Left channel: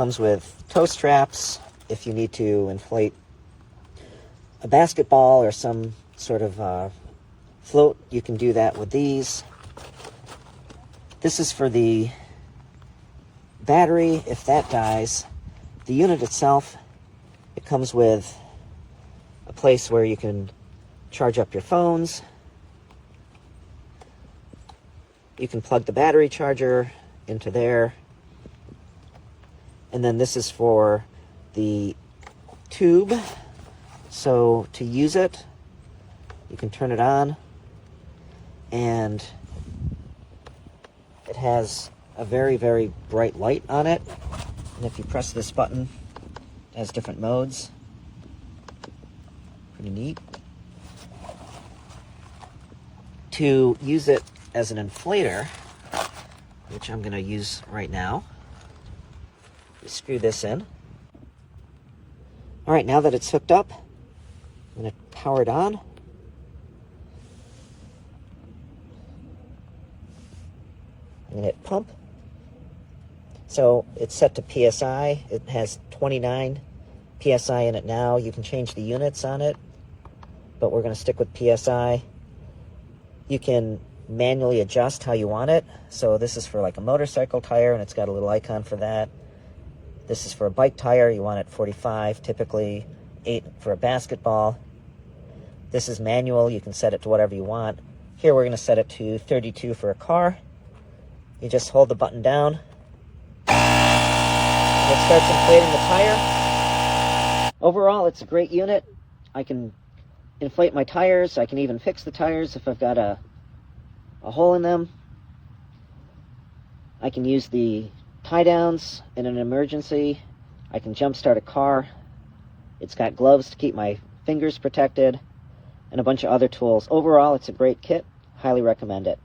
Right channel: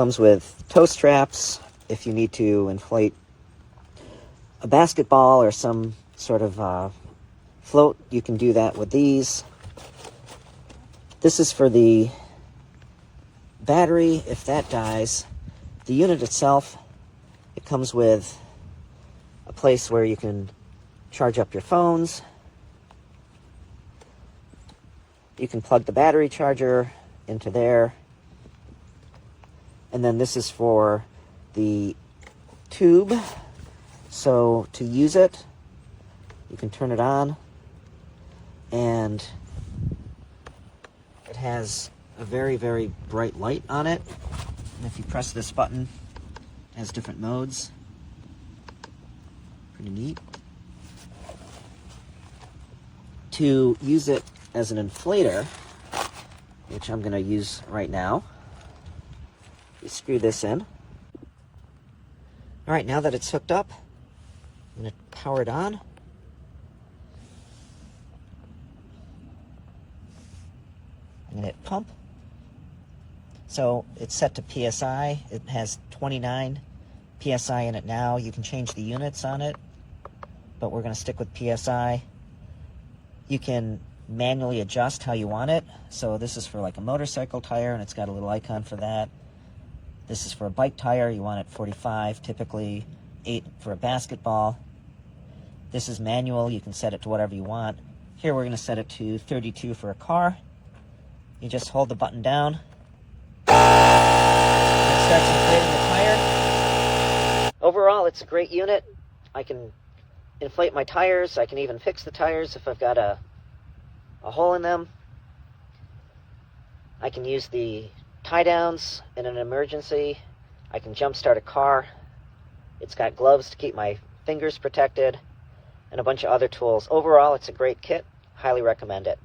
comes with toe straps if you need to inflate a basketball or some sort of float. You can do that with these. This is for the battery if that dies. The unit itself, it comes with a place where you can charge up your phones. You can plug the battery charger into there. And then this is for the tube. So to use it, you can turn it on, and it has a very, very bright light on it. And if you press this button, it has different modes. Pretty neat. To use it as an inflator, which I'm going to use right now, you screw this in. All right, now that it's hooked up, I'm going to power it on. I'm going to hit pump. So it's set to PSI. It has 29 PSI in it now. You can change the units on it, but we're going to stick with PSI. You can manually adjust how you want it. So this is for like a motorcycle tire, and it's got a little icon for that. This is for a bike tire. You want it 45, typically 8 for a basketball. This is manual. You can set it to whatever you want. Here we're going to set it to 32 for a car. You just hold the button down. It starts inflating the tire. Overall, it's a great unit. I can inflate my tires. I can even fix the tires if I've got a hole in them. I can use the tie downs in an emergency. I can jump start a car. It's got gloves to keep my fingers protected, and a bunch of other tools. Overall, it's a great kit. Highly recommend it.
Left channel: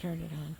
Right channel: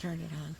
Turn it on.